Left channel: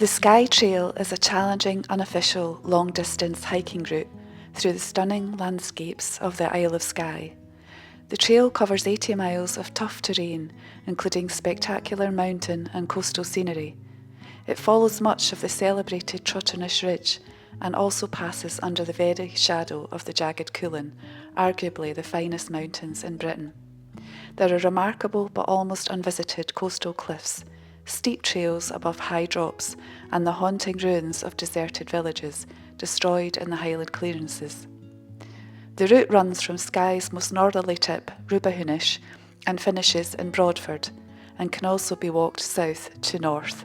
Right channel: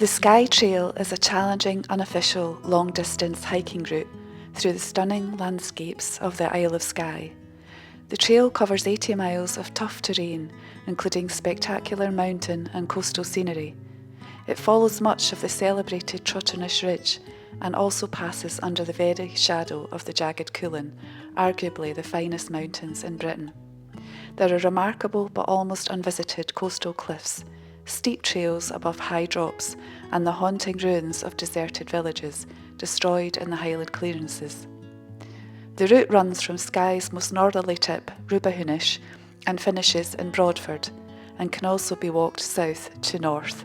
The Skye Trail is a challenging, unofficial, long-distance hiking route through the stunning landscapes of the Isle of Skye. The trail covers 80 miles of tough terrain, including spectacular mountain and coastal scenery. It follows much of the celebrated Trotternish Ridge and also passes under the very shadow of the jagged Cuillin, arguably the finest mountains in Britain. There are remarkable but almost unvisited coastal cliffs, steep trails above high drops, and the haunting ruins of deserted villages destroyed in the Highland clearances. The route runs from Skye's most northerly tip, Rubahunish, and finishes in Broadford, and can also be walked south to north.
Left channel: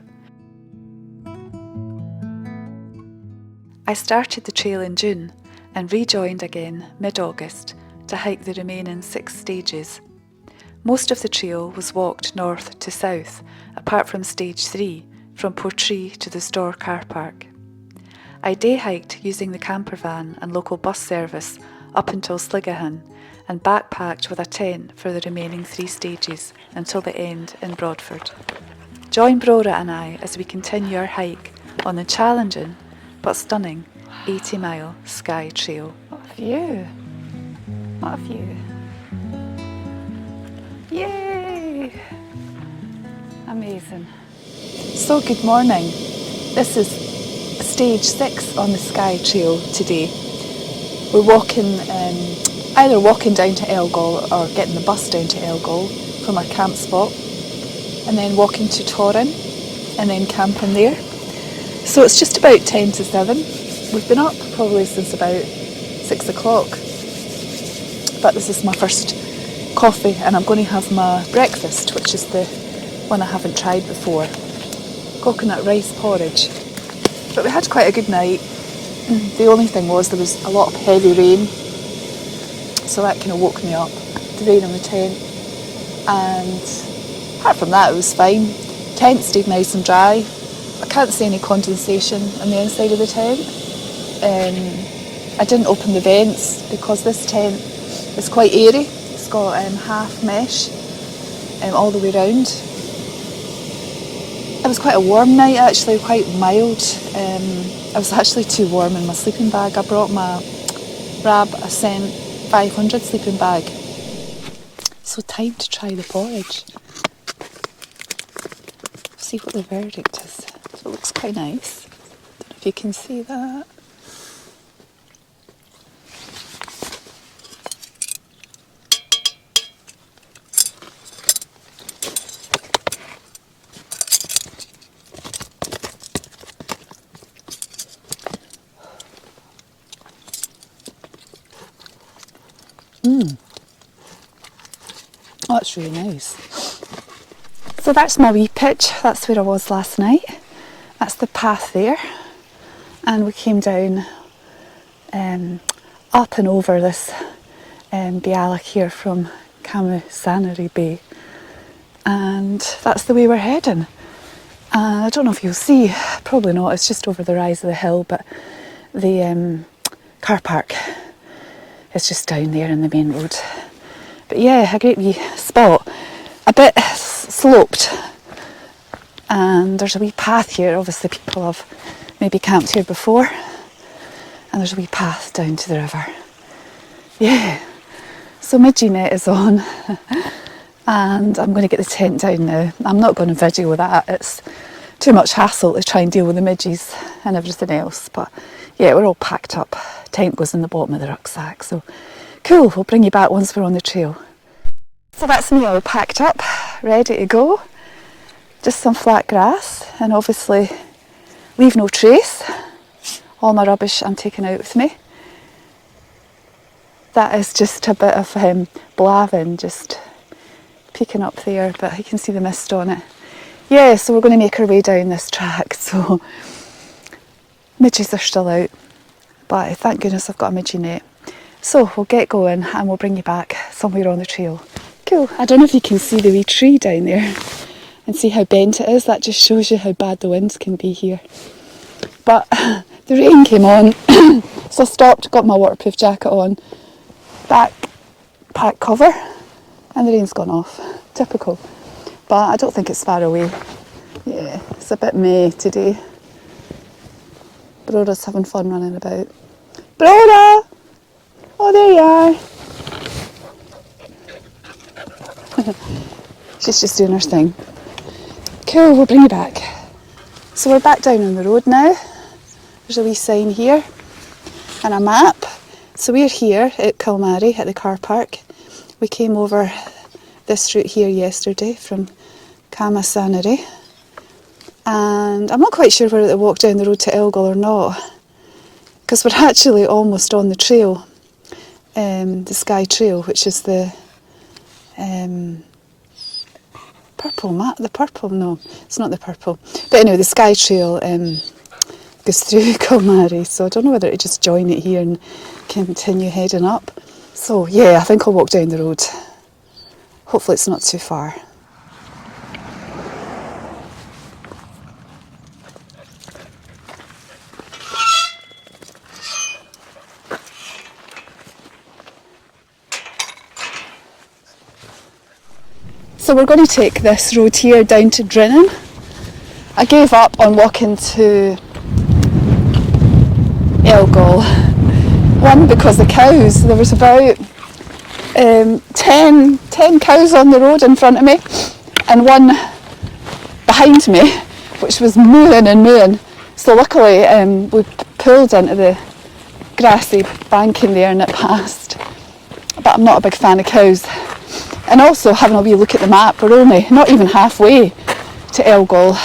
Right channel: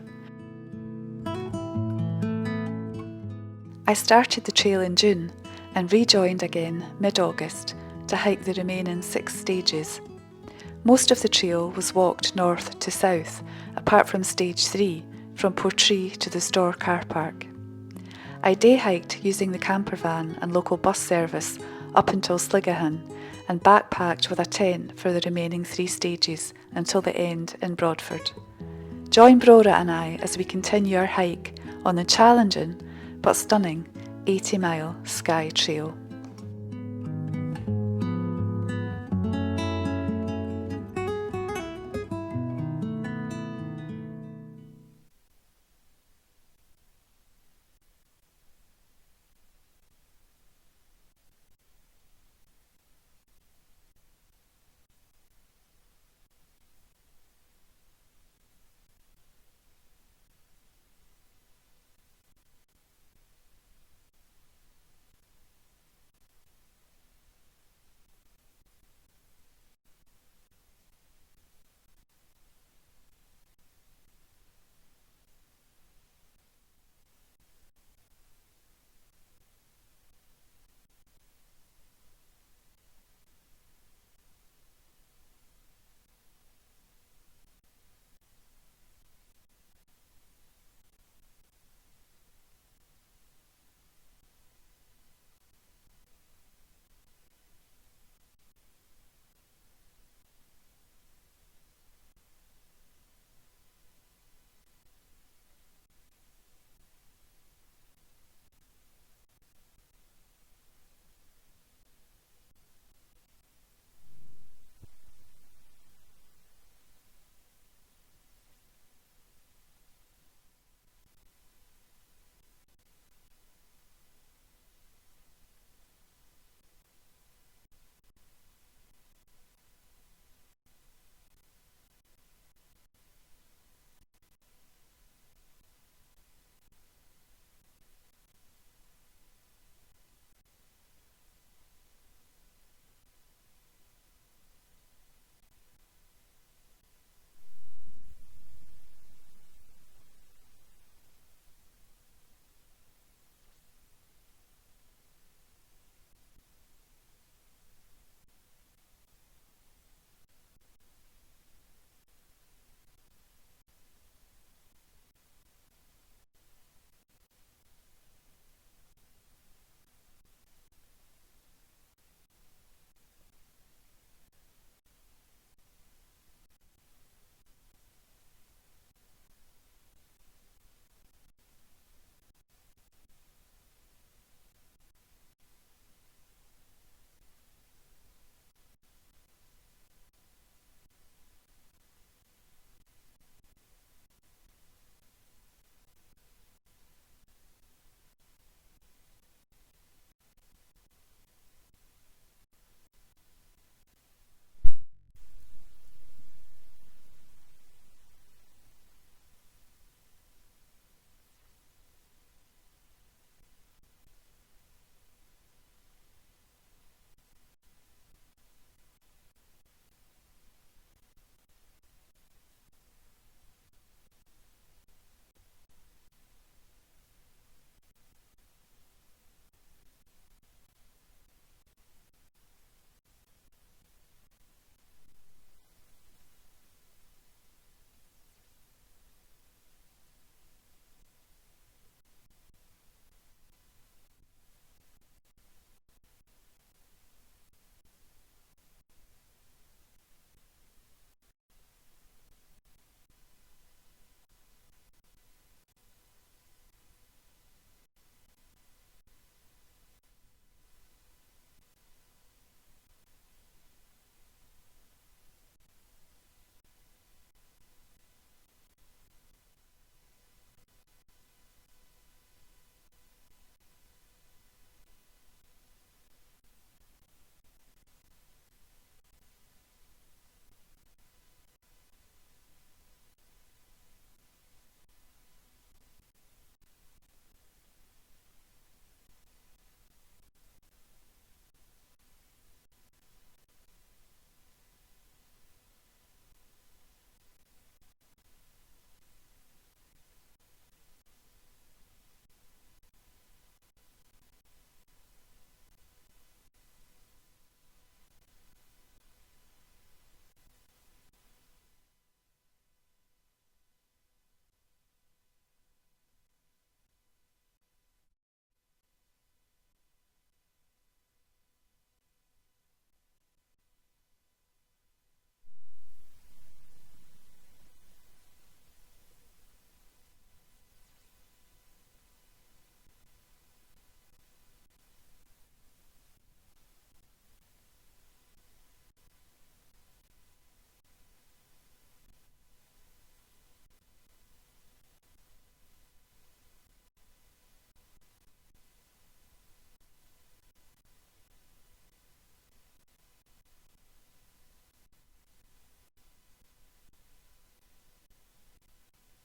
I started the trail in June and rejoined again mid-August to hike the remaining 6 stages. Most of the trail was walked north to south, apart from stage 3, from Portree to the Store car park. I day hiked using the camper van and local bus service up until Sligahan, and backpacked with a tent for the remaining 3 stages until the end in Broadford. Join Brora and I as we continue our hike on the challenging but stunning 80-mile Skye Trail. What a view! What a view! Yay! Amazing. So good morning. This is stage 6 on the Skye Trail today. We're walking, either walking down to Elgol or getting the bus down to Elgol from our camp spot, and then walking to Torrin and then camping there. So it's just about 10 to 7. We've been up probably since about 6 o'clock. But this is my first coffee, and I'm going to have my breakfast, which is the one I haven't tried before. Coconut rice porridge. But we had quite a good night. The only thing was there was a lot of heavy rain, so that kind of woke me up, the rain on the tent. And apart from that, it was fine. Tent stayed nice and dry. I can't see any condensation on the inside of the tent. I didn't open the vents because this tent is quite airy. It's got half mesh all the way round. It was quite a warm night actually, quite mild. I was actually too warm in my sleeping bag. I brought my Rab Ascent 500 sleeping bag. So time to try the porridge. See what the verdict is. So it looks quite nice. Don't know if you can see that. Oh, that's really nice. So that's my wee pitch. That's where I was last night. That's the path there. And we came down up and over this Boreaig here from Kilmarie Bay. And that's the way we're heading. I don't know if you'll see, probably not, it's just over the rise of the hill, but the car park is just down there in the main road. But yeah, a great wee spot, a bit sloped, and there's a wee path here. Obviously people have maybe camped here before, and there's a wee path down to the river. Yeah, so midgie net is on, and I'm going to get the tent down now. I'm not going to video that, it's too much hassle to try and deal with the midges and everything else, but yeah, we're all packed up. Tent goes in the bottom of the rucksack, so cool, we'll bring you back once we're on the trail. So that's me all packed up, ready to go. Just some flat grass, and obviously leave no trace. All my rubbish I'm taking out with me. That is just a bit of blavin just peeking up there, but you can see the mist on it. Yeah, so we're going to make our way down this track, so midges are still out, but thank goodness I've got a midgie net. So we'll get going and we'll bring you back somewhere on the trail. Cool. I don't know if you can see the wee tree down there and see how bent it is. That just shows you how bad the winds can be here. But the rain came on, so I stopped, got my waterproof jacket on, backpack cover, and the rain's gone off. Typical. But I don't think it's far away. Yeah, it's a bit May today. Broda's having fun running about. Broda! Oh, there you are. She's just doing her thing. Cool, we'll bring you back. So we're back down on the road now. There's a wee sign here and a map. So we're here at Kilmarie at the car park. We came over this route here yesterday from Kilmarie. And I'm not quite sure whether to walk down the road to Elgol or not, because we're actually almost on the trail, the Skye trail, which is the purple map. The purple? No, it's not the purple. But anyway, the Skye trail goes through Kilmarie, so I don't know whether to just join it here and continue heading up. So yeah, I think I'll walk down the road. Hopefully it's not too far. So we're going to take this road here down to Drinnan. I gave up on walking to Elgol. One, because the cows, there was about 10 cows on the road in front of me and one behind me, which was mooing and mooing. So luckily we pulled into the grassy banking there and it passed. But I'm not a big fan of cows. And also, having a wee look at the map, we're only not even halfway to Elgol,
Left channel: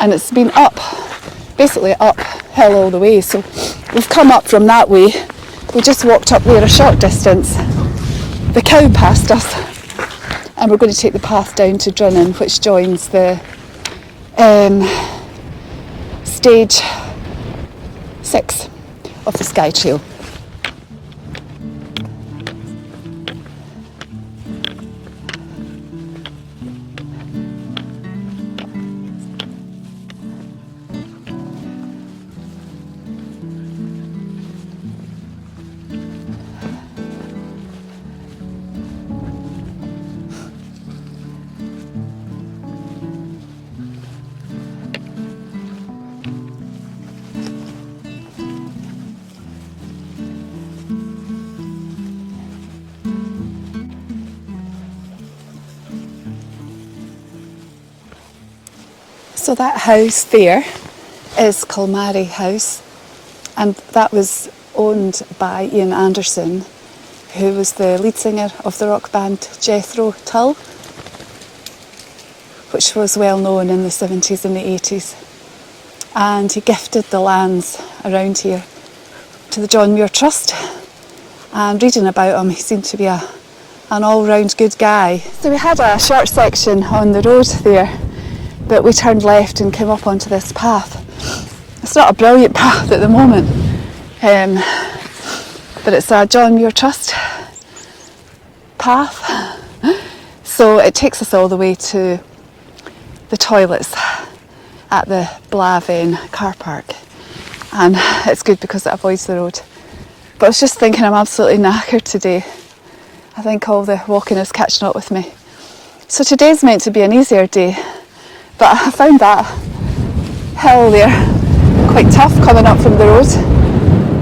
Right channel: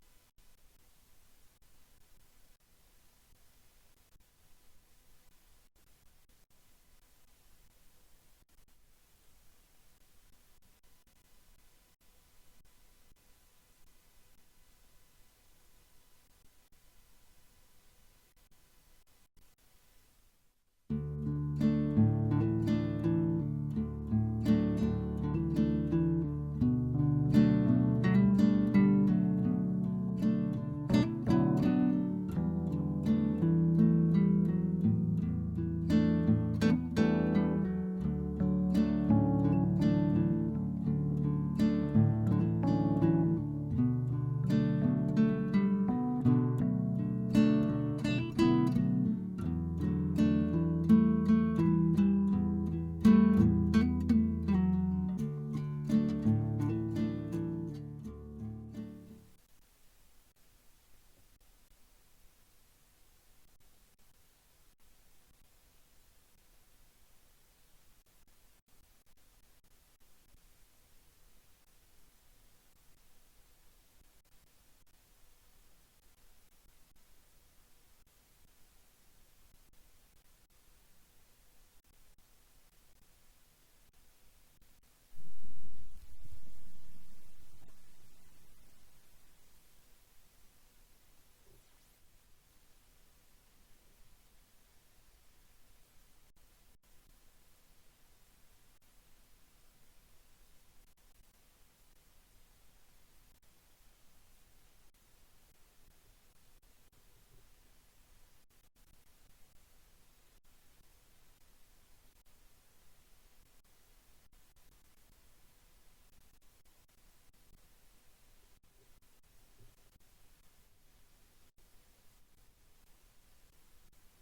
and it's been basically uphill all the way. So we've come up from that way. We just walked up there a short distance. The cow passed us, and we're going to take the path down to Drinnan, which joins the stage 6 of the Skye Trail. So that house there is Kilmarie House, and that was owned by Ian Anderson, who was the lead singer of the rock band Jethro Tull, which was well known in the 70s and the 80s. And he gifted the lands around here to the John Muir Trust. And reading about him, he seemed to be an all-round good guy. So we had a short section on the road there, but we turned left and came up onto this path. It's not a brilliant path at the moment, but it's a John Muir Trust path. So it takes us all the way to the toilets at the Blaven car park. And it's good because it avoids the road. But I was just thinking, I'm absolutely knackered today. I think all the walking is catching up with me. So today's meant to be an easier day. But I found that hill there quite tough coming up from the road.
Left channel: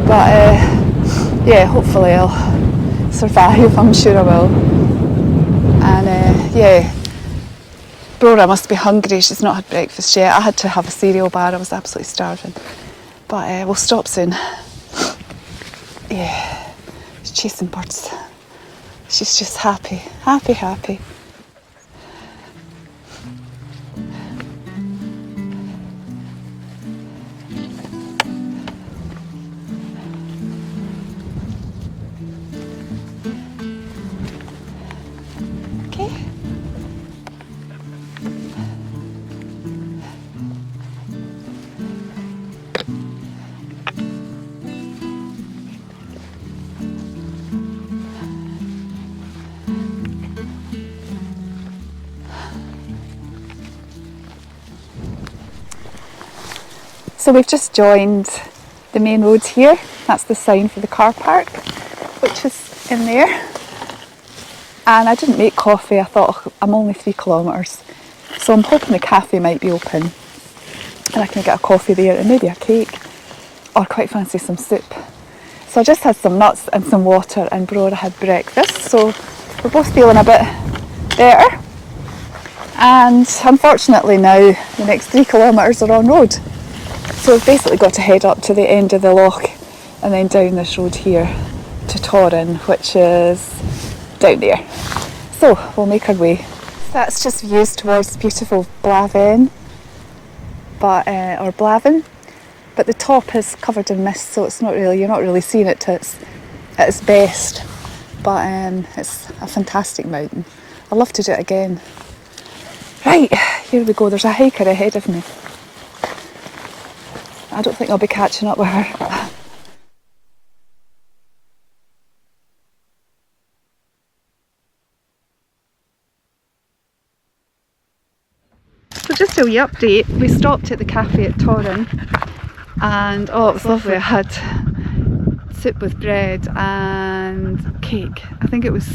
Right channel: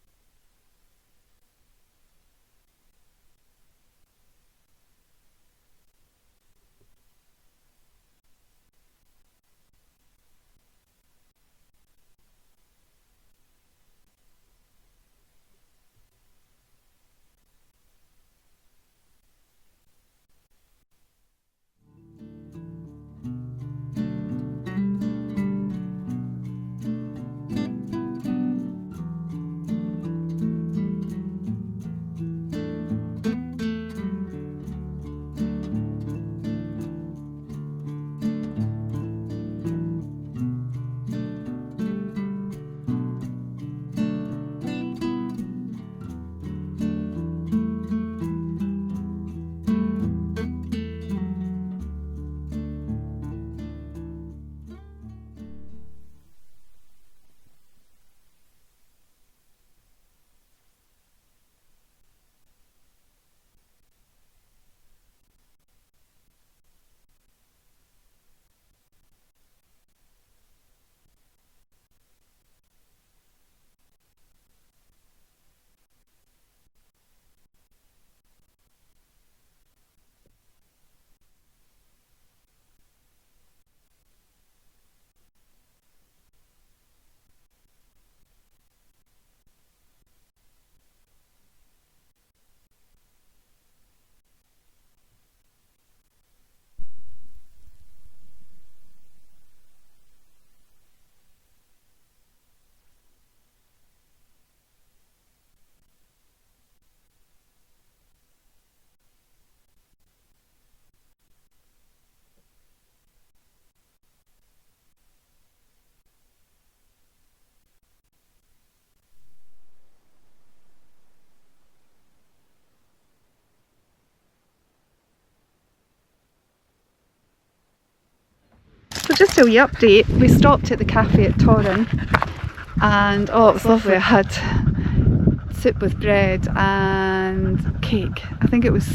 But yeah, hopefully I'll survive, I'm sure I will. And yeah, Brora must be hungry, she's not had breakfast yet. I had to have a cereal bar, I was absolutely starving. But we'll stop soon. Yeah, she's chasing birds. She's just happy, happy, happy. So we've just joined the main road here. That's the sign for the car park, which is in there. And I didn't make coffee. I thought, I'm only 3 kilometres, so I'm hoping the cafe might be open and I can get a coffee there and maybe a cake. or quite fancy some soup. So I just had some nuts and some water, and Brora had breakfast, so we're both feeling a bit better. And unfortunately now the next 3 kilometres are on road. So we've basically got to head up to the end of the loch and then down this road here to Torrin, which is down there. So we'll make our way. That's just views towards beautiful Blaven, or Blaven, but the top is covered in mist, so you're not really seeing it at its best. But it's a fantastic mountain. I'd love to do it again. Right, here we go. There's a hiker ahead of me. I don't think I'll be catching up with her. So just a wee update. We stopped at the cafe at Torrin, and oh, it was lovely. I had soup with bread and cake. I think it was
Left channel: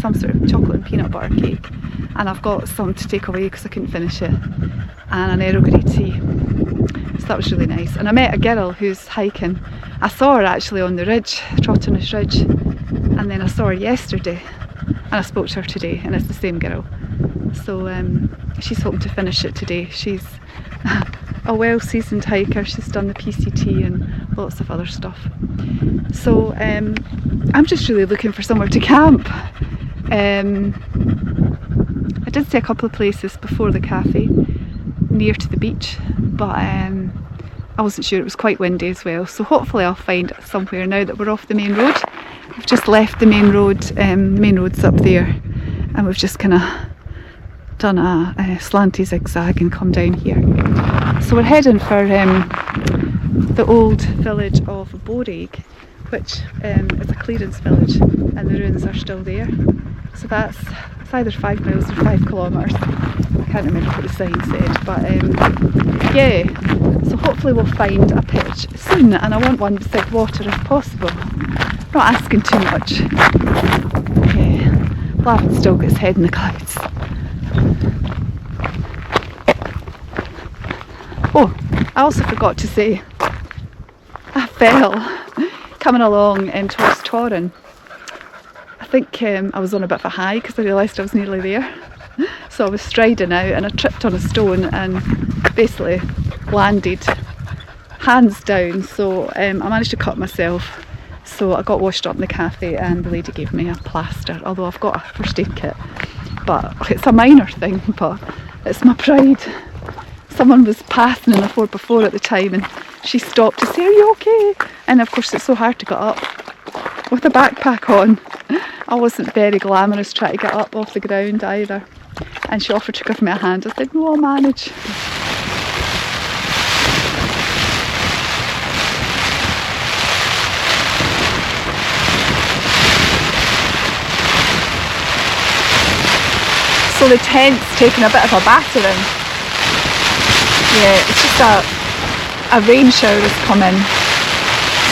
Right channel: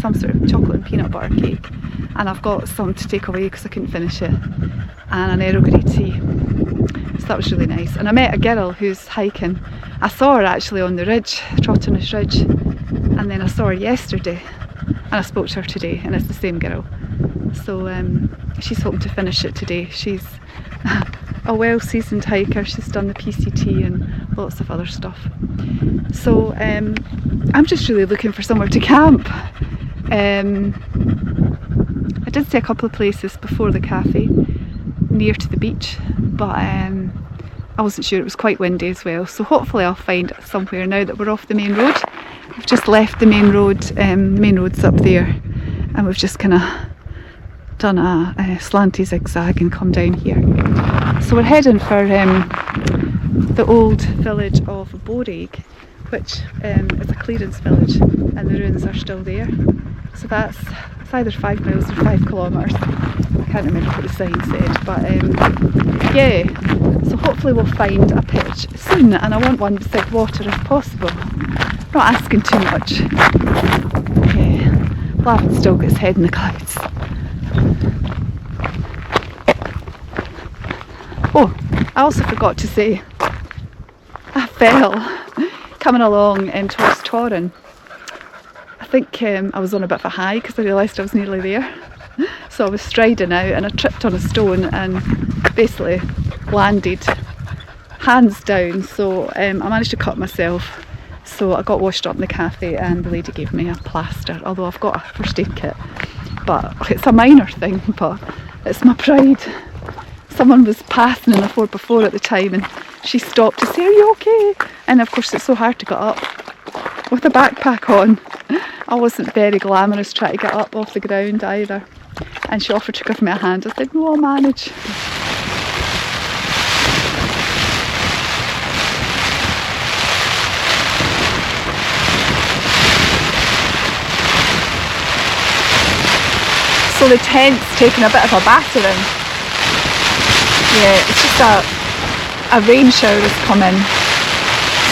some sort of chocolate and peanut butter cake, and I've got some to take away because I couldn't finish it, and an Earl Grey tea. So that was really nice. And I met a girl who's hiking. I saw her actually on the ridge, Trotternish Ridge, and then I saw her yesterday and I spoke to her today, and it's the same girl. So she's hoping to finish it today. She's a well-seasoned hiker. She's done the PCT and lots of other stuff. So I'm just really looking for somewhere to camp. I did see a couple of places before the cafe near to the beach, but I wasn't sure. It was quite windy as well, so hopefully I'll find somewhere now that we're off the main road. We've just left the main road. The main road's up there, and we've just kind of done a slanty zigzag and come down here. So we're heading for the old village of Boreaig, which is a clearance village, and the ruins are still there. So it's either 5 miles or 5 kilometres. I can't remember what the sign said, but yeah. So hopefully we'll find a pitch soon, and I want one beside water if possible. Not asking too much. Yeah, Blaven's still got his head in the clouds. Oh, I also forgot to say, I fell coming along towards Torrin. I think I was on a bit of a high because I realised I was nearly there. So I was striding out and I tripped on a stone and basically landed hands down. So I managed to cut myself. So I got washed up in the cafe, and the lady gave me a plaster, although I've got a first aid kit. But it's a minor thing, but it's my pride. Someone was passing in a 4x4 at the time, and she stopped to say, "Are you okay?" And of course it's so hard to get up with a backpack on. I wasn't very glamorous trying to get up off the ground either. And she offered to give me a hand. I said, "No, I'll manage." So the tent's taken a bit of a battering. Yeah, it's just a rain shower has come in.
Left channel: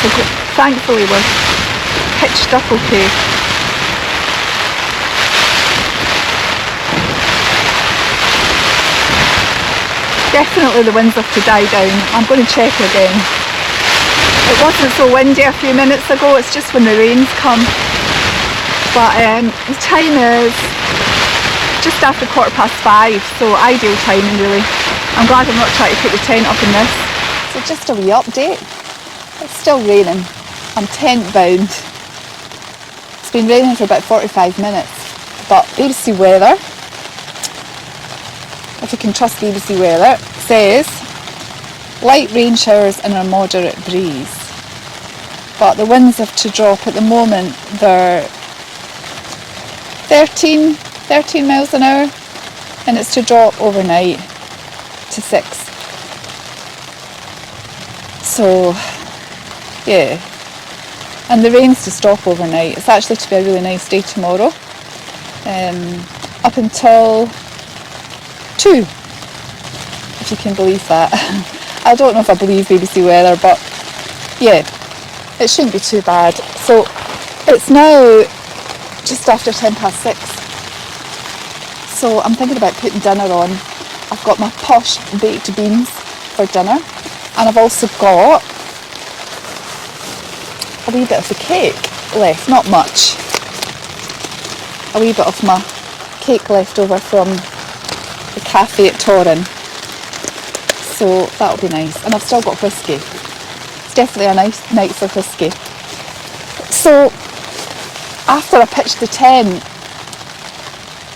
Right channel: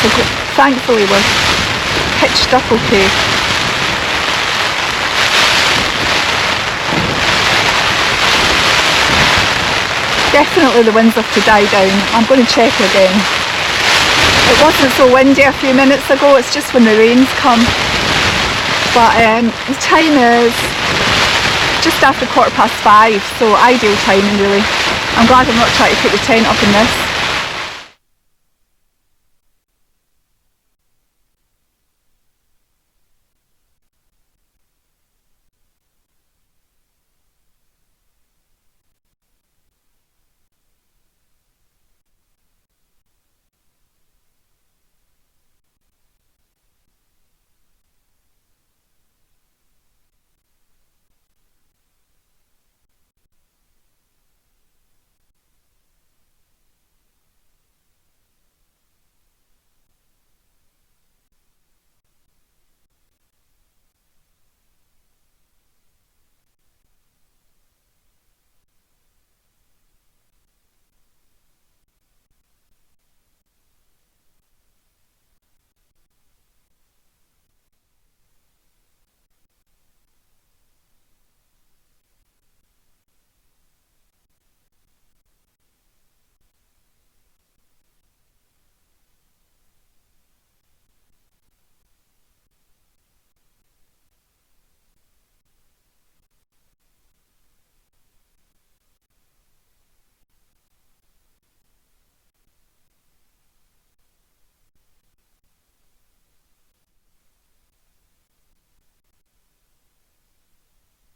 So thankfully we're pitched up okay. Definitely the winds have to die down. I'm going to check again. It wasn't so windy a few minutes ago, it's just when the rains come. But the time is just after 5:15, so ideal timing really. I'm glad I'm not trying to put the tent up in this. So just a wee update. It's still raining. I'm tent bound. It's been raining for about 45 minutes. But BBC Weather, if you can trust BBC Weather, says light rain showers and a moderate breeze. But the winds have to drop. At the moment they're 13 miles an hour, and it's to drop overnight to 6. So yeah, and the rain's to stop overnight. It's actually to be a really nice day tomorrow, up until 2, if you can believe that. I don't know if I believe BBC Weather, but yeah, it shouldn't be too bad. So it's now just after 6:10. So I'm thinking about putting dinner on. I've got my posh baked beans for dinner, and I've also got a wee bit of the cake left, not much. A wee bit of my cake left over from the cafe at Torrin. So that'll be nice. And I've still got whiskey. It's definitely a nice night for whiskey. So after I pitched the tent,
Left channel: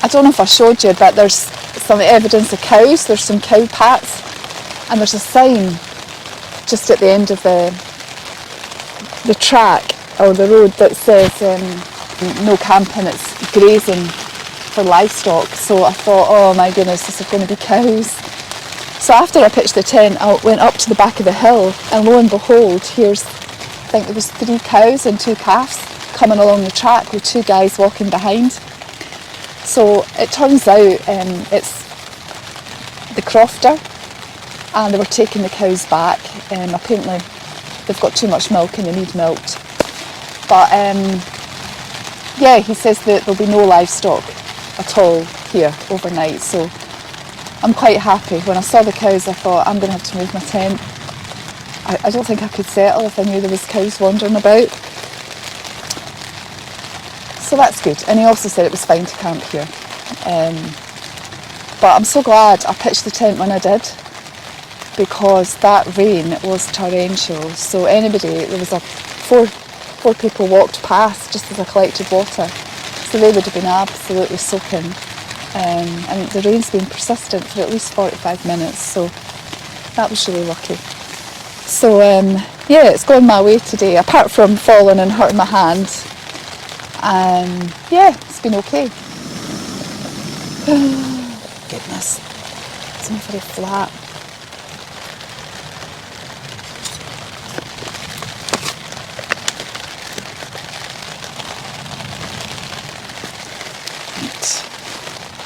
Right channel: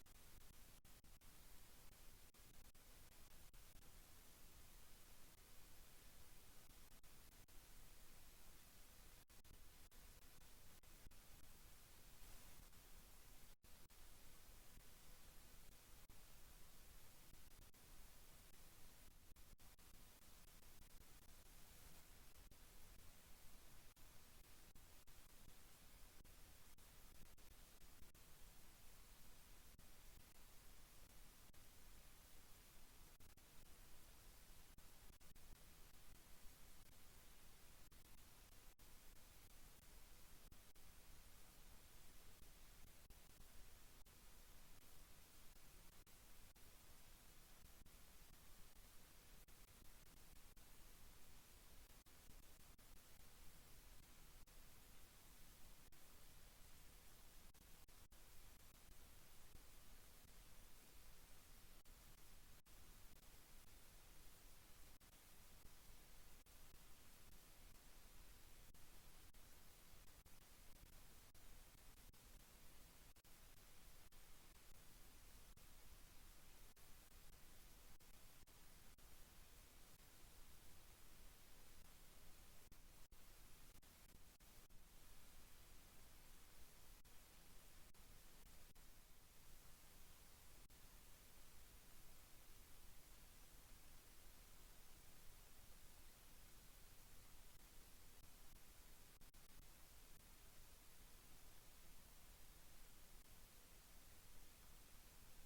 I don't know if I showed you, but there's some evidence of cows. There's some cow pats, and there's a sign just at the end of the track or the road that says no camping, it's grazing for livestock. So I thought, oh my goodness, this is going to be cows. So after I pitched the tent, I went up to the back of the hill, and lo and behold, I think there was 3 cows and 2 calves coming along the track with 2 guys walking behind. So it turns out it's the crofter, and they were taking the cows back. Apparently they've got too much milk and they need milked. But yeah, he says that there'll be no livestock at all here overnight. So I'm quite happy. When I saw the cows, I thought, I'm going to have to move my tent. I don't think I could settle if I knew there was cows wandering about. So that's good. And he also said it was fine to camp here. But I'm so glad I pitched the tent when I did, because that rain was torrential. So there was 4 people walked past just as I collected water. So they would have been absolutely soaking. And the rain's been persistent for at least 45 minutes, so that was really lucky. So yeah, it's going my way today, apart from falling and hurting my hand. Yeah, it's been okay. Goodness, it's not very flat.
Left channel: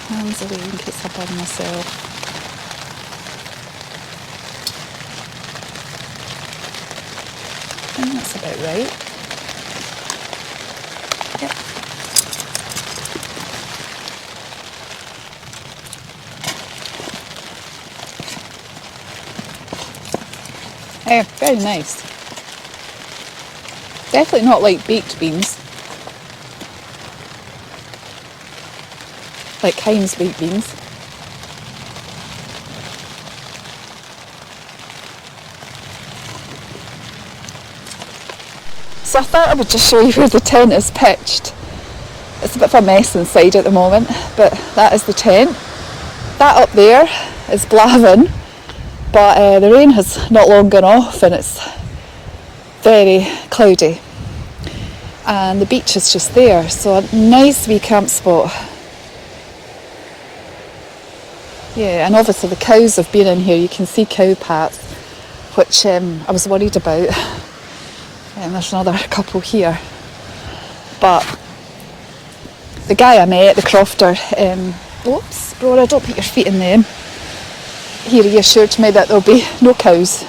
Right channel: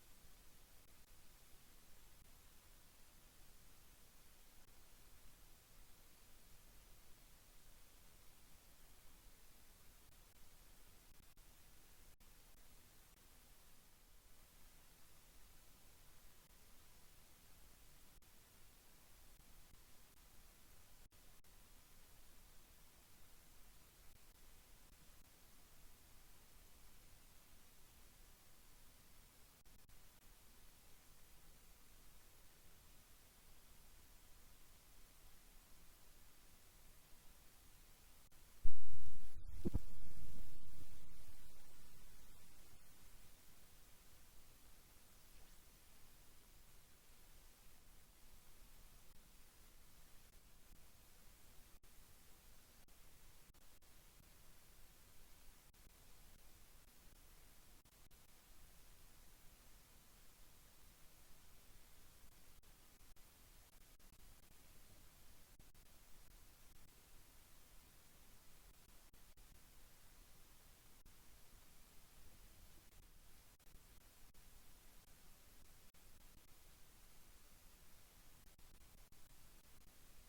Hands away in case I burn myself. I think that's about right. Yep. Yeah, very nice. Definitely not like baked beans. Like Heinz baked beans. So I thought I would just show you where the tent is pitched. It's a bit of a mess inside at the moment, but that is the tent. That up there is Blavin, but the rain has not long gone off and it's very cloudy. And the beach is just there, so a nice wee camp spot. Yeah, and obviously the cows have been in here. You can see cow pats, which I was worried about. And there's another couple here. But the guy I met, the crofter, oops, Brora, don't put your feet in them. He reassured me that there'll be no cows.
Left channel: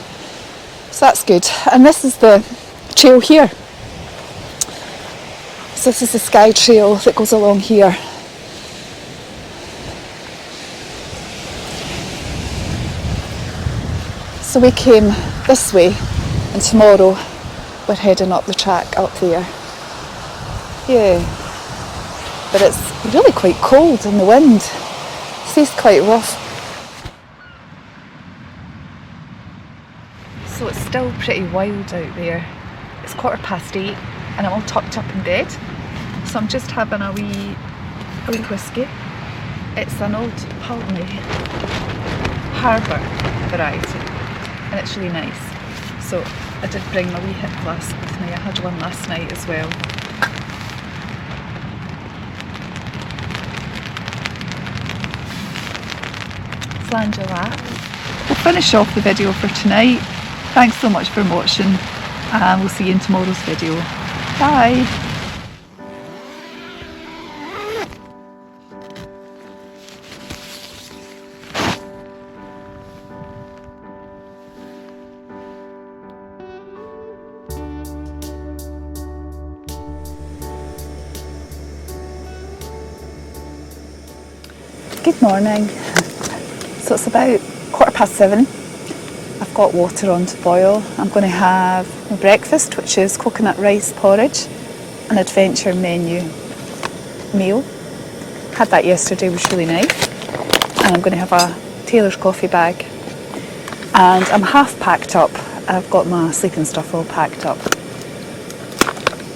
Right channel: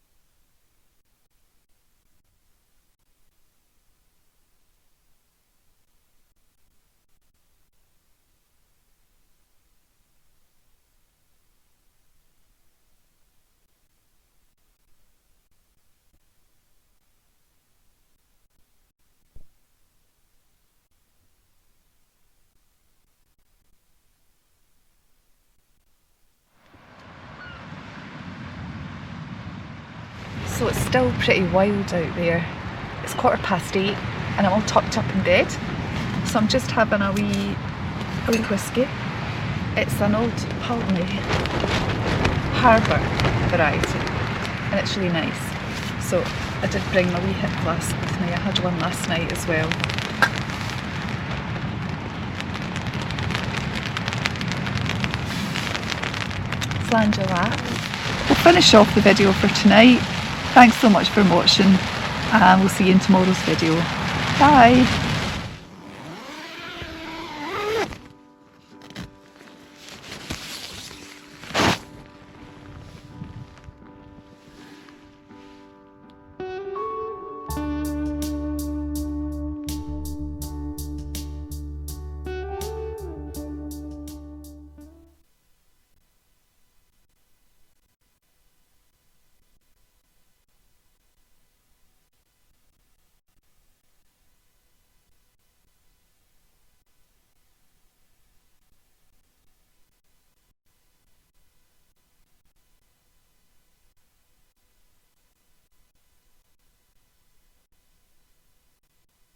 So that's good. And this is the trail here. So this is the Skye trail that goes along here. So we came this way, and tomorrow we're heading up the track up there. Yeah, but it's really quite cold and the wind stays quite rough. So it's still pretty wild out there. It's 8:15 and I'm all tucked up in bed. So I'm just having a wee whiskey. It's an old Palmy Harbour variety. And it's really nice. So I did bring my wee hip flask with me. I had one last night as well. We'll finish off the video for tonight. Thanks so much for watching, and we'll see you in tomorrow's video. Bye! Good morning. So it's about 7:15 I've got water on to boil. I'm going to have my breakfast, which is coconut rice porridge, an adventure menu meal. Had that yesterday, it was really nice. And I'm going to have a tailor's coffee bag. And I'm half packed up. I've got my sleeping stuff all packed up.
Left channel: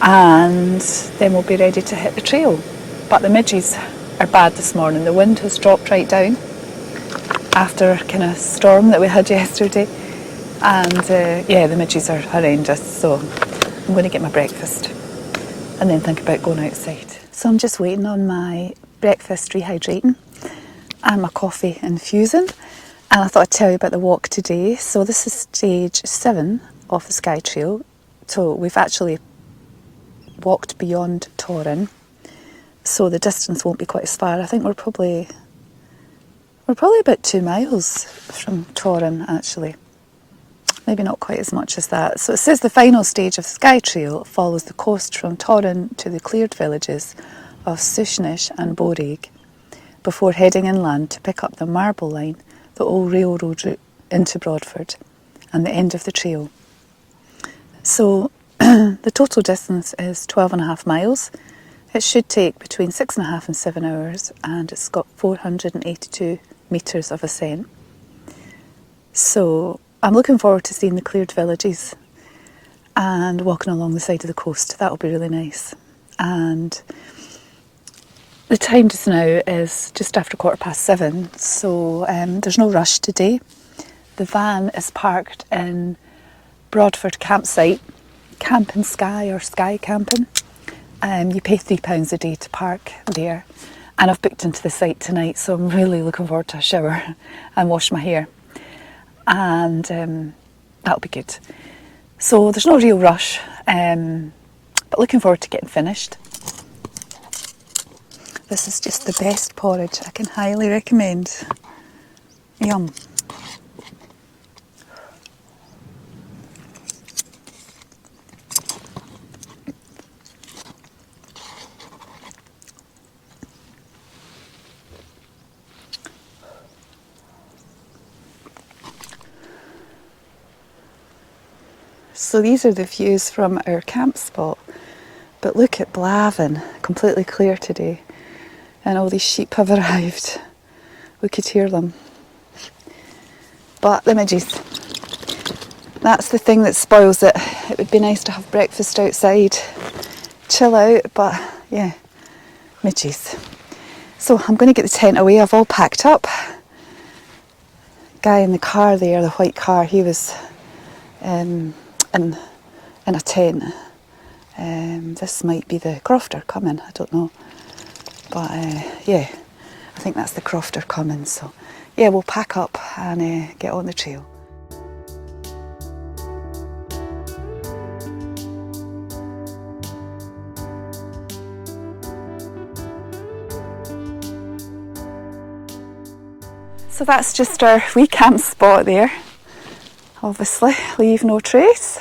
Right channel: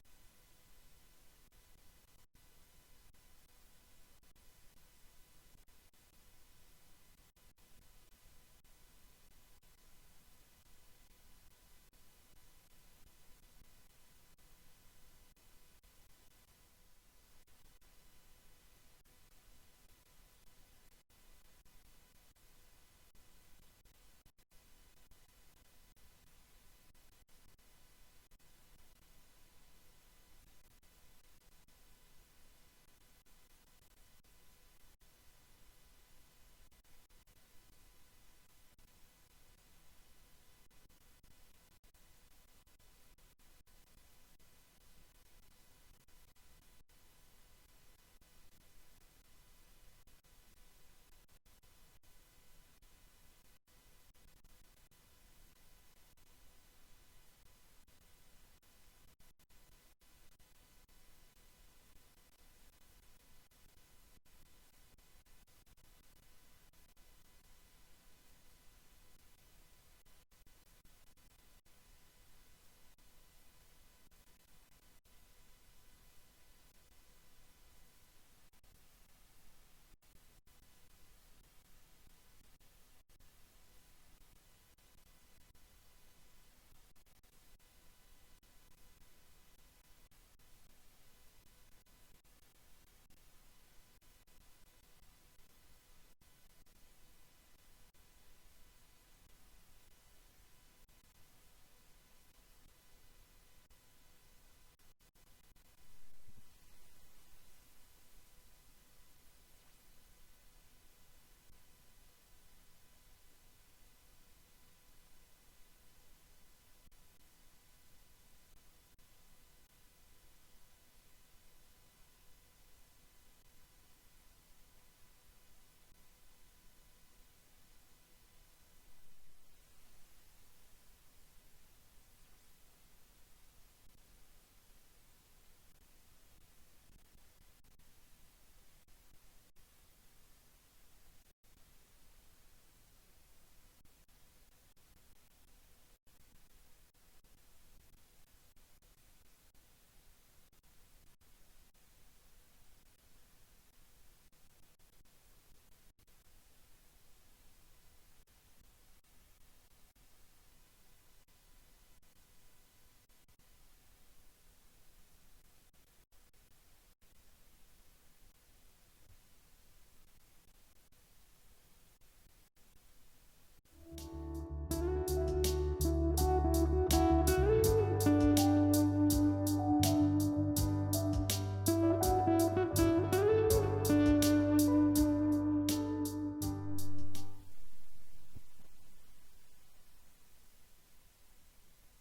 And then we'll be ready to hit the trail. But the midges are bad this morning. The wind has dropped right down after a kind of storm that we had yesterday. And yeah, the midges are horrendous. So I'm going to get my breakfast and then think about going outside. So I'm just waiting on my breakfast rehydrating and my coffee infusing. And I thought I'd tell you about the walk today. So this is stage 7 of the Skye Trail. So we've actually walked beyond Torrin. So the distance won't be quite as far. I think we're probably about 2 miles from Torrin actually. Maybe not quite as much as that. So it says the final stage of the Skye Trail follows the coast from Torrin to the cleared villages of Sushnish and Boreaig before heading inland to pick up the Marble Line, the old railroad route into Broadford and the end of the trail. So the total distance is 12.5 miles. It should take between 6.5 and 7 hours, and it's got 482 metres of ascent. So I'm looking forward to seeing the cleared villages and walking along the side of the coast. That'll be really nice. And the time just now is just after 7:15, so there's no rush today. The van is parked in Broadford campsite, Camping Skye or Skye Camping. You pay £3 a day to park there, and I've booked into the site tonight, so I'm really looking forward to a shower and wash my hair, and that'll be good. So there's no real rush, but looking forward to getting finished. This is just the best porridge. I can highly recommend. Yum. So these are the views from our camp spot. But look at Blavin, completely clear today. And all these sheep have arrived. We could hear them. But the midges. That's the thing that spoils it. It would be nice to have breakfast outside, chill out, but yeah, midges. So I'm going to get the tent away. I've all packed up. Guy in the car there, the white car, he was in a tent. This might be the crofter coming, I don't know. But yeah, I think that's the crofter coming. So yeah, we'll pack up and get on the trail. So that's just our wee camp spot there. Obviously, leave no trace.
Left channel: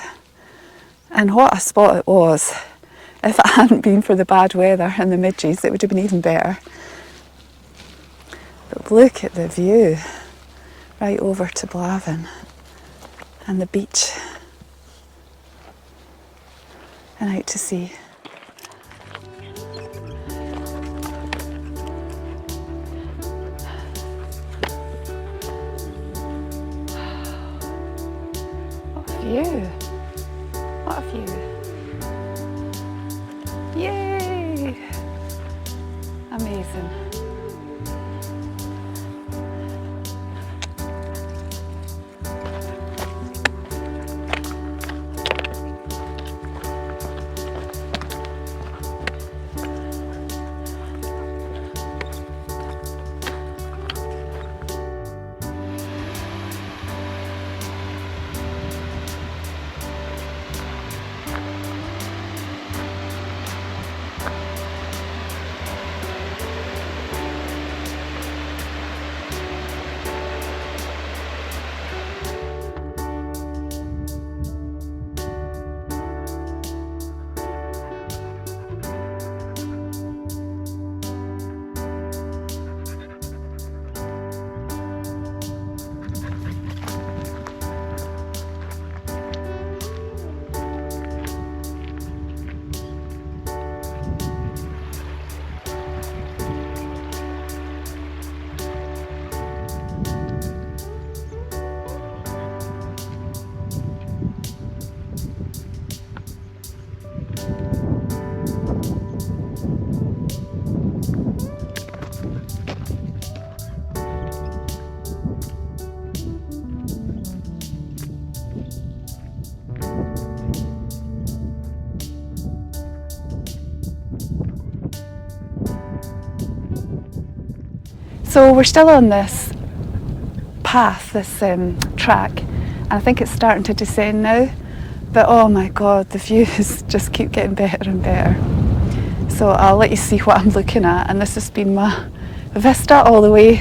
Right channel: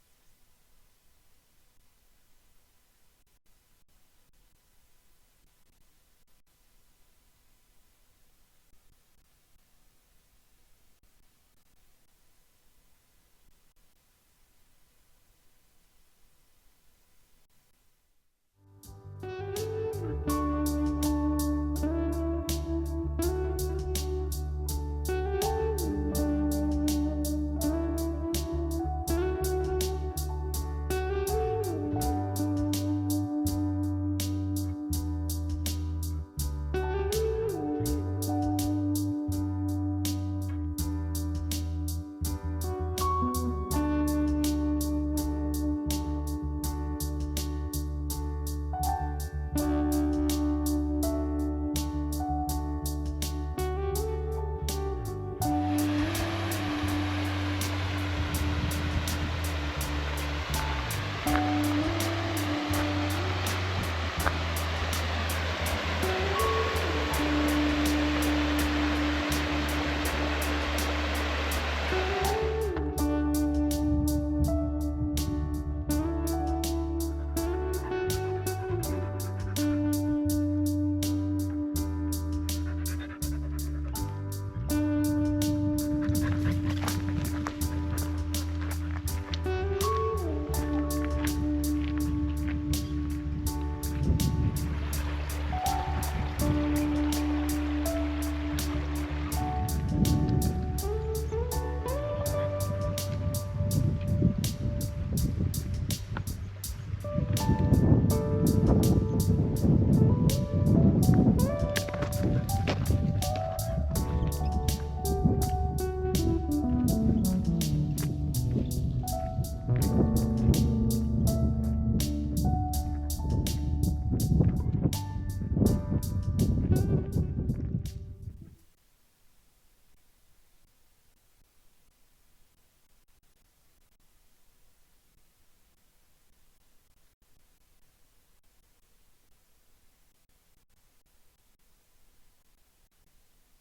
And what a spot it was. If it hadn't been for the bad weather and the midges, it would have been even better. But look at the view right over to Blavin and the beach and out to sea. What a view! What a view! Yay! Amazing. So we're still on this path, this track, and I think it's starting to descend now. But oh my god, the views just keep getting better and better. So I'll let you see what I'm looking at, and this has been my vista all the way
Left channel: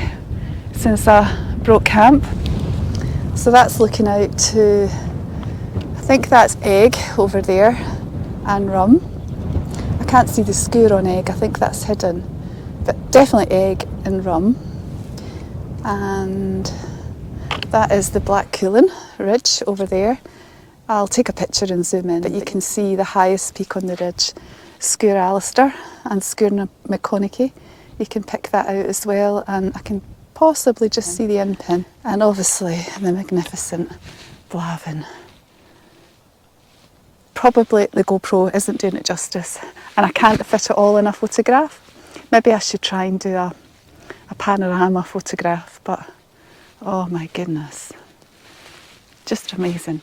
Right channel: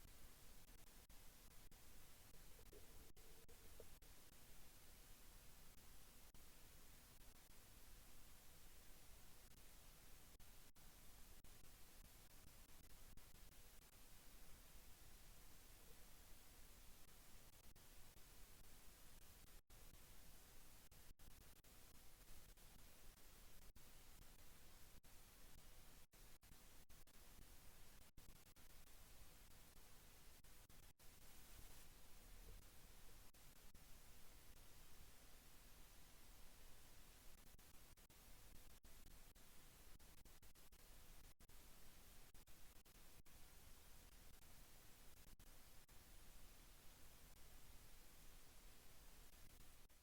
since I broke camp. So that's looking out to, I think that's Egg over there, and Rum. I can't see the skewer on Egg, I think that's hidden, but definitely Egg and Rum. And that is the Black Coolin ridge over there. I'll take a picture and zoom in, but you can see the highest peak on the ridge, Sgúr Alistair and Sgúr McConaughey. You can pick that out as well, and I can possibly just see the in-pin. And obviously the magnificent Blavin. Probably the GoPro isn't doing it justice, and I can't fit it all in a photograph. Maybe I should try and do a panorama photograph, but oh my goodness, just amazing.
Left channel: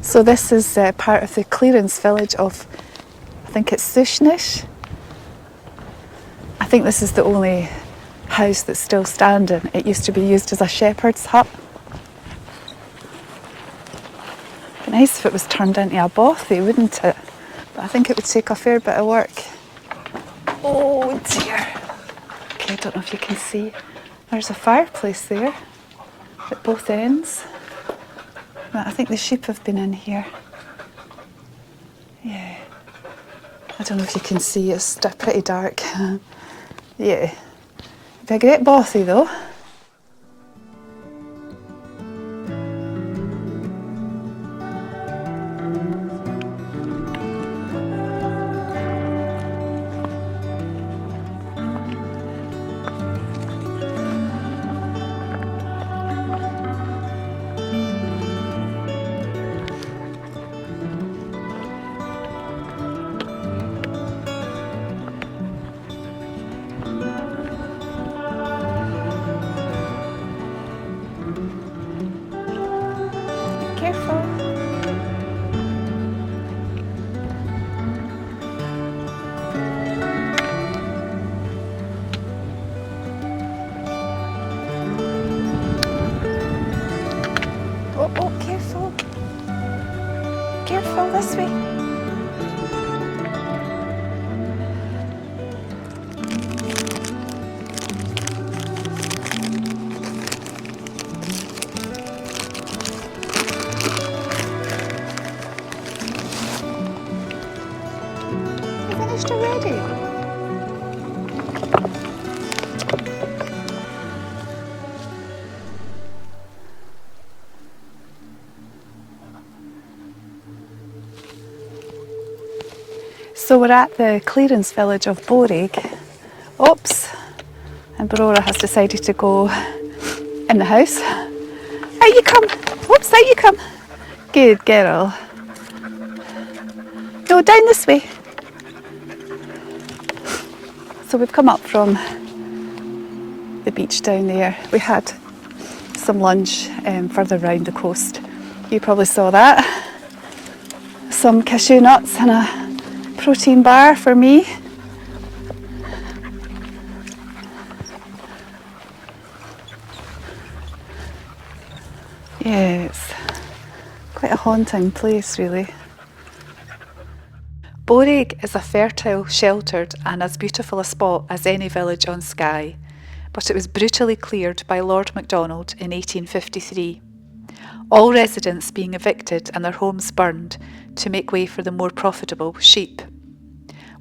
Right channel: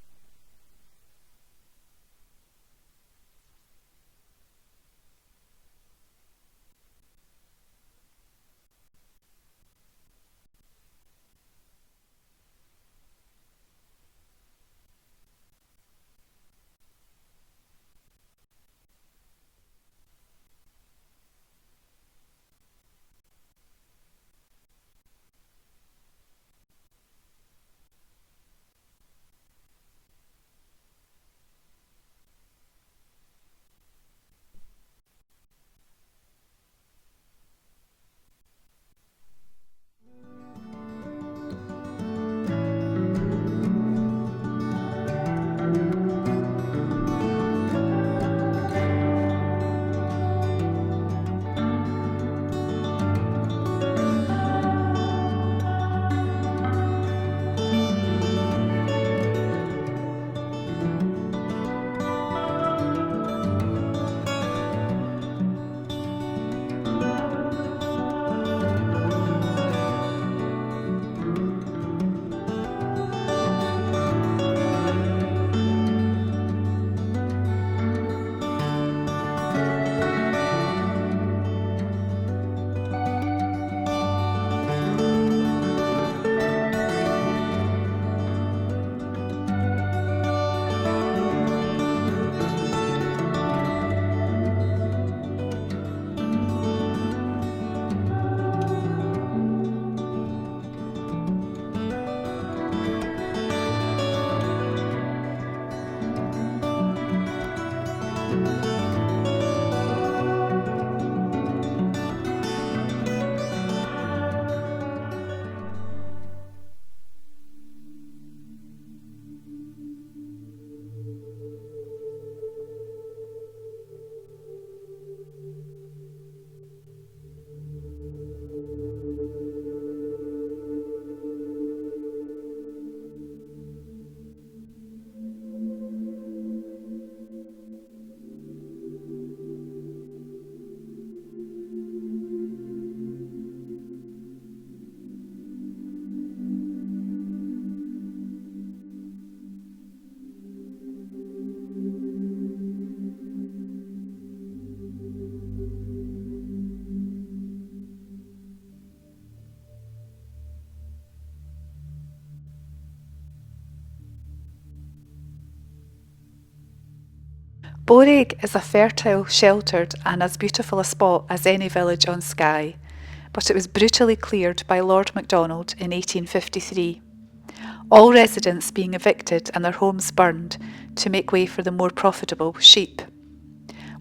So this is part of the clearance village of, I think it's Sushnish. I think this is the only house that's still standing. It used to be used as a shepherd's hut. It'd be nice if it was turned into a bothy, wouldn't it? But I think it would take a fair bit of work. Oh dear. Okay, I don't know if you can see. There's a fireplace there at both ends. But I think the sheep have been in here. Yeah. I don't know if you can see, it's pretty dark. Yeah. It'd be a great bothy though. So we're at the clearance village of Boreaig. Oops, and Aurora has decided to go in the house. Out you come! Oops, out you come! Good girl. No, down this way. So we've come up from the beach down there. We had some lunch further round the coast. You probably saw that. Some cashew nuts and a protein bar for me. Yeah, it's quite a haunting place really. Boreaig is a fertile, sheltered and as beautiful a spot as any village on Skye, but it was brutally cleared by Lord MacDonald in 1853. All residents being evicted and their homes burned to make way for the more profitable sheep.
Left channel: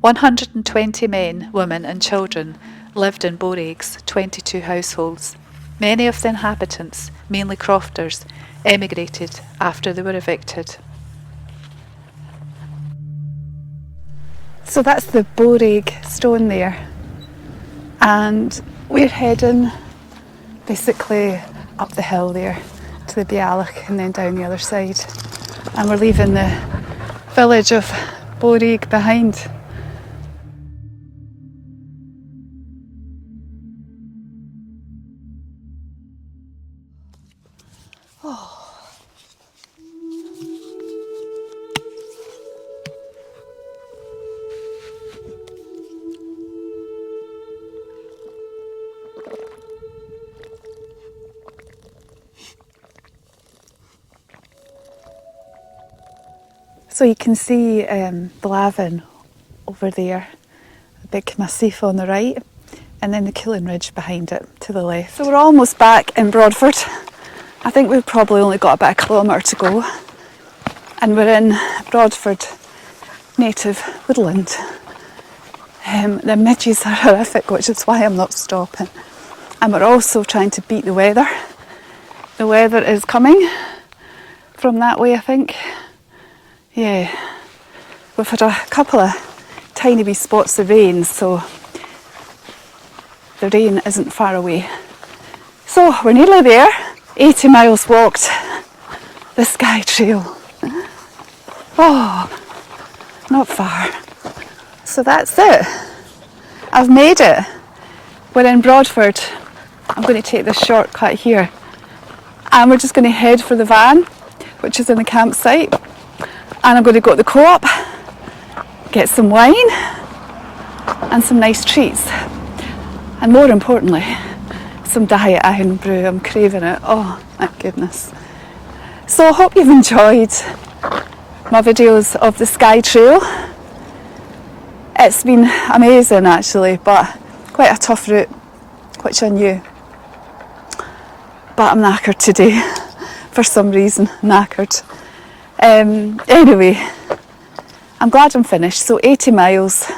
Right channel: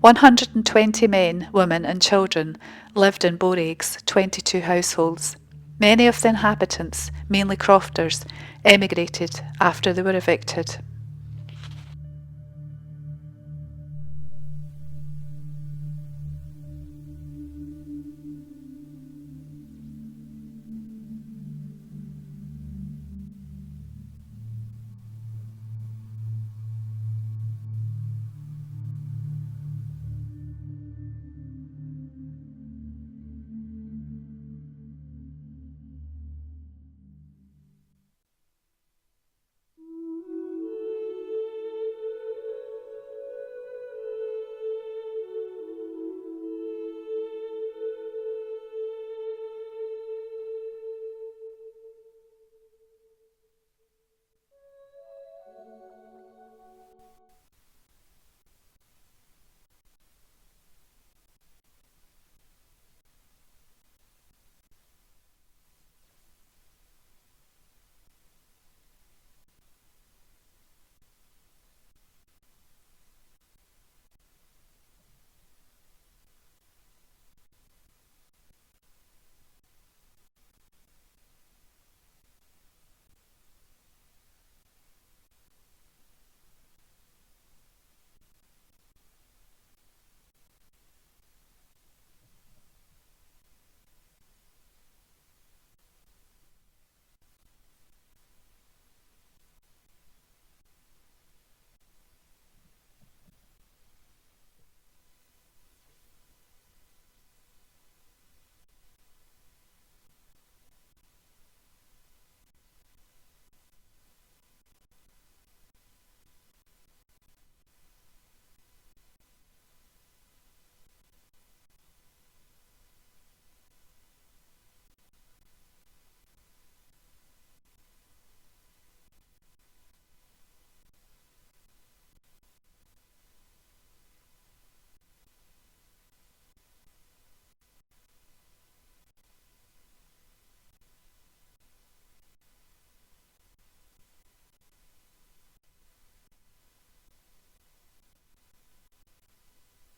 120 men, women and children lived in Boreaig's 22 households. Many of the inhabitants, mainly crofters, emigrated after they were evicted. So that's the Boreaig stone there, and we're heading basically up the hill there to the Bealach and then down the other side. and we're leaving the village of Boreaig behind. So you can see Blavin over there, the big massif on the right, and then the Kilmarie behind it to the left. So we're almost back in Broadford. I think we've probably only got about a kilometre to go. And we're in Broadford native woodland. The midges are horrific, which is why I'm not stopping. And we're also trying to beat the weather. The weather is coming from that way, I think. Yeah, we've had a couple of tiny wee spots of rain, so the rain isn't far away. So we're nearly there. 80 miles walked the Skye trail. Oh, not far. So that's it. I've made it. We're in Broadford. I'm going to take this shortcut here. And we're just going to head for the van, which is in the campsite. And I'm going to go to the co-op, get some wine and some nice treats. And more importantly, some diet iron brew. I'm craving it. Oh, my goodness. So I hope you've enjoyed my videos of the Skye Trail. It's been amazing actually, but quite a tough route, which I knew. But I'm knackered today, for some reason, knackered. Anyway, I'm glad I'm finished. So 80 miles,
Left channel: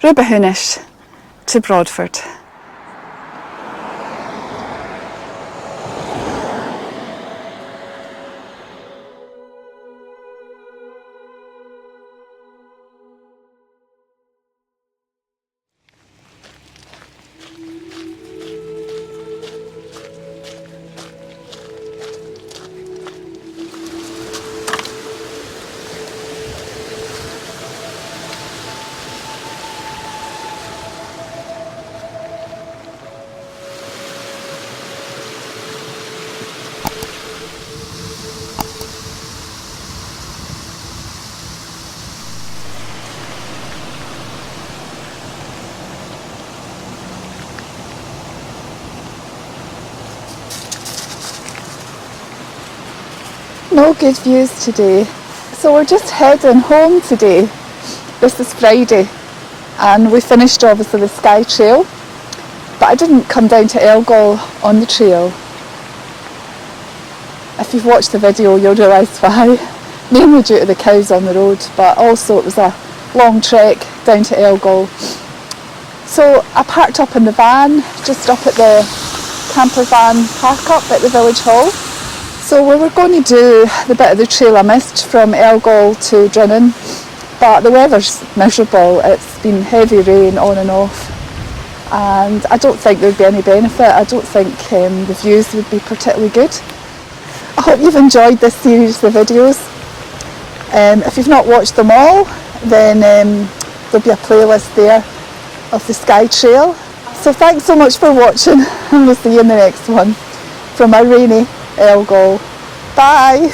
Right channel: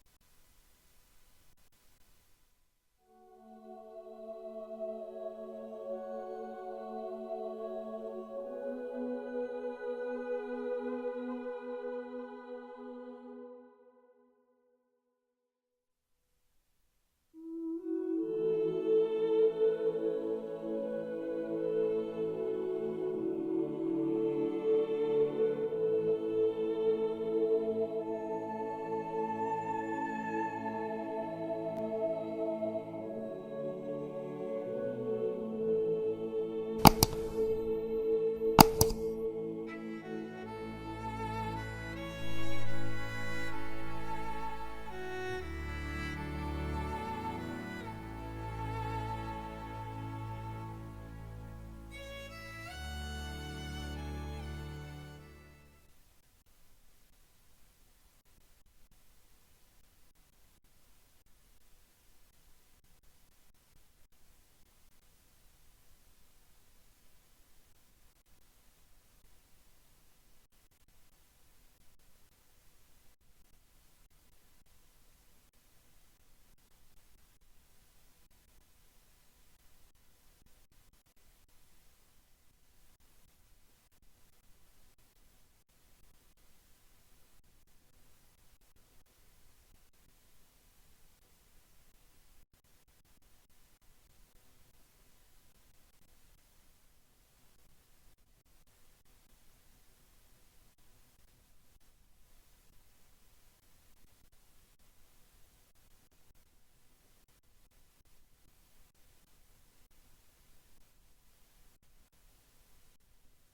Rubahoonish to Broadford. No good views today, so we're just heading home today. This is Friday and we finished obviously the Skye Trail, but I didn't come down to Elgol on the trail. If you've watched the video you'll realise why, mainly due to the cows on the road, but also it was a long trek down to Elgol. So I parked up in the van, just up at the camper van park up at the village hall. So we were going to do the bit of the trail I missed from Elgol to Drinnan, but the weather's miserable. It's been heavy rain on and off, and I don't think there'd be any benefit. I don't think the views would be particularly good. I hope you've enjoyed this series of videos. If you've not watched them all, then there'll be a playlist there of the Skye Trail. So thanks so much for watching, and we'll see you in the next one from a rainy Elgol. Bye!